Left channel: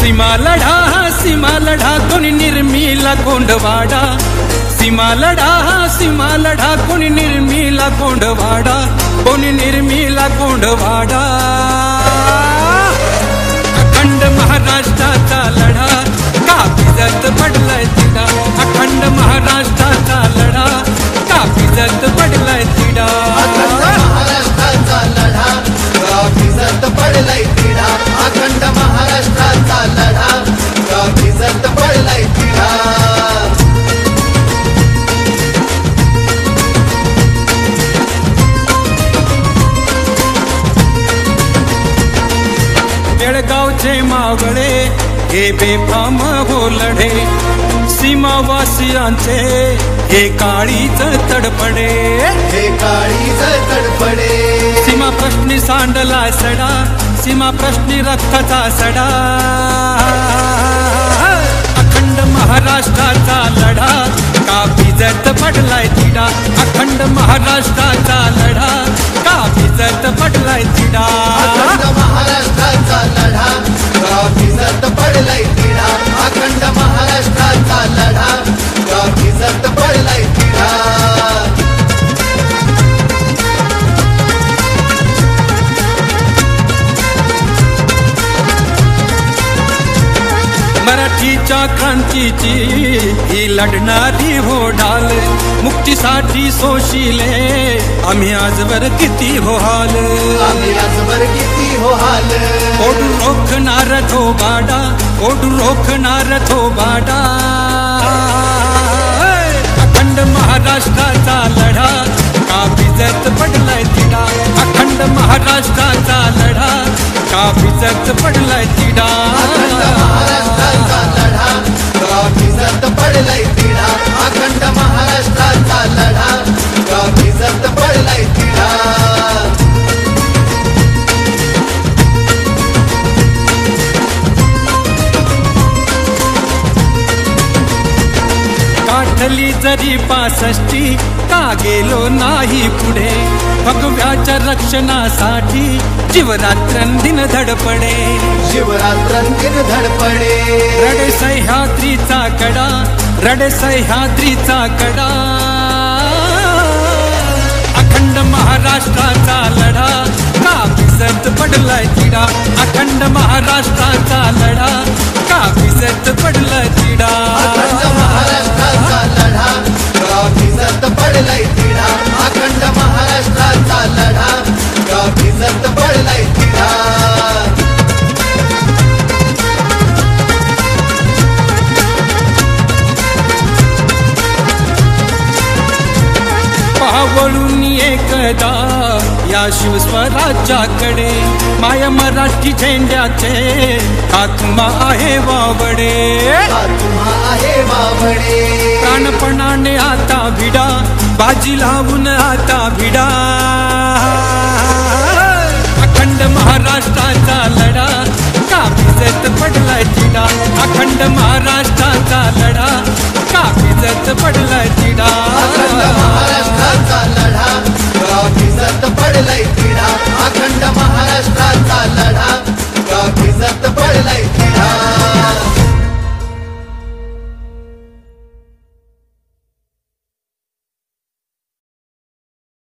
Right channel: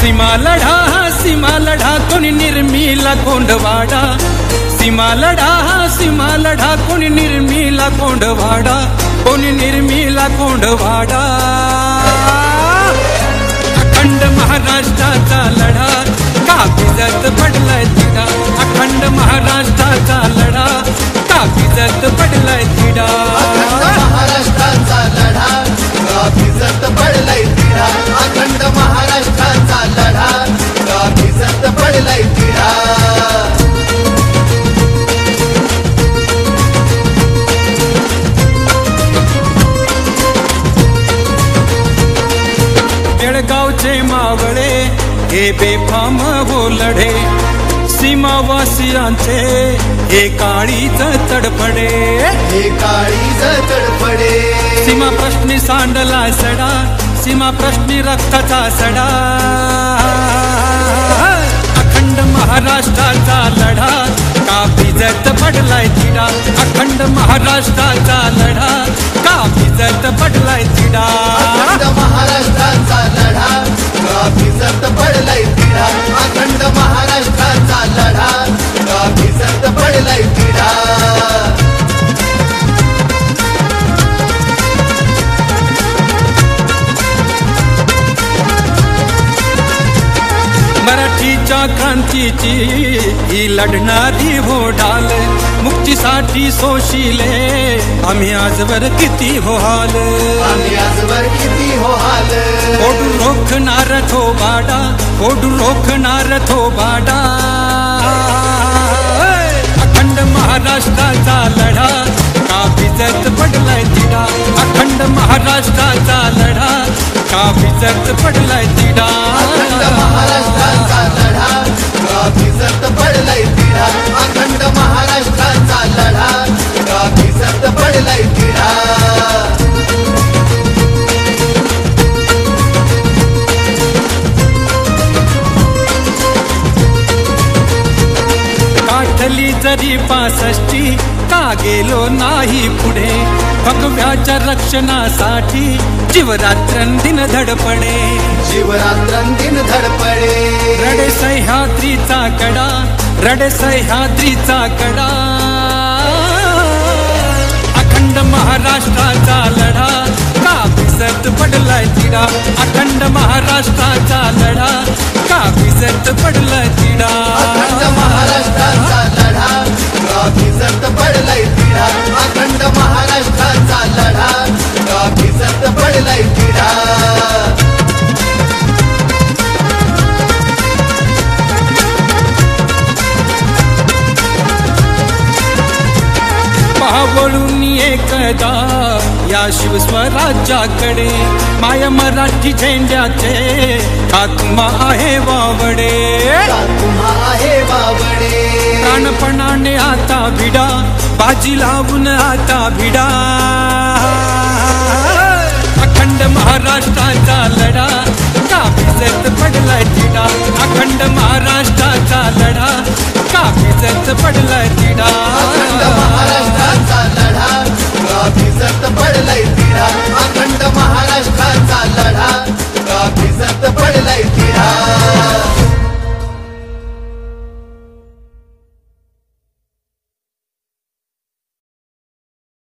सीमा लढा कोणी निर्मिला कोंडवाडा, सीमा लढा कोणी निर्मिला कोंडवाडा, कोणी निर्मिला कोंडवाडा। अखंड महाराष्ट्राचा लढा का भिजत पडलाय तिढा, अखंड महाराष्ट्राचा लढा का भिजत पडलाय तिढा। महाराष्ट्राचा लढा का भिजत पडलाय तिढा, अखंड महाराष्ट्राचा लढा का भिजत पडलाय तिढा। बेळगावचे मावळे हे बेफाम हो लढे, सीमावासियांचे हे काळीज तडफडे, हे काळीज तडफडे। सीमा प्रश्नी सांडला सडा, सीमा प्रश्नी रक्ताचा सडा। अखंड महाराष्ट्राचा लढा का भिजत पडलाय तिढा, अखंड महाराष्ट्राचा लढा का भिजत पडलाय तिढा। महाराष्ट्राचा लढा का भिजत पडलाय तिढा, अखंड महाराष्ट्राचा लढा का भिजत पडलाय तिढा। मराठीच्या क्रांतीची ही लढणारी हो ढाल, मुक्तीसाठी सोशिले आम्ही आजवर किती हो हाल, आम्ही आजवर किती हो हाल। ओढून रोखणार थोबाडा, ओढून रोखणार थोबाडा। अखंड महाराष्ट्राचा लढा का भिजत पडलाय तिढा, अखंड महाराष्ट्राचा लढा का भिजत पडलाय तिढा। महाराष्ट्राचा लढा का भिजत पडलाय तिढा, अखंड महाराष्ट्राचा लढा का भिजत पडलाय तिढा। काठली जरी 65 का गेलो नाही पुढे, भगव्याच्या रक्षणासाठी जीवरात्रंदिन धडपडे, शिवरात्रंदिन धडपडे। रडे सह्याद्रीचा कडा, रडे सह्याद्रीचा कडा। अखंड महाराष्ट्राचा लढा का भिजत पडलाय तिढा, अखंड महाराष्ट्राचा लढा का भिजत पडलाय तिढा। महाराष्ट्राचा लढा का भिजत पडलाय तिढा, अखंड महाराष्ट्राचा लढा का भिजत पडलाय तिढा। पावळून एकदा या शिवस्वराज्याकडे, माया मराठी झेंड्याचे आत्मा आहे वावडे, आत्मा आहे वावडे। प्राणपणाने आता भिडा, बाजी लावून आता भिडा। अखंड महाराष्ट्राचा लढा का भिजत पडलाय तिढा, अखंड महाराष्ट्राचा लढा का भिजत पडलाय तिढा। महाराष्ट्राचा लढा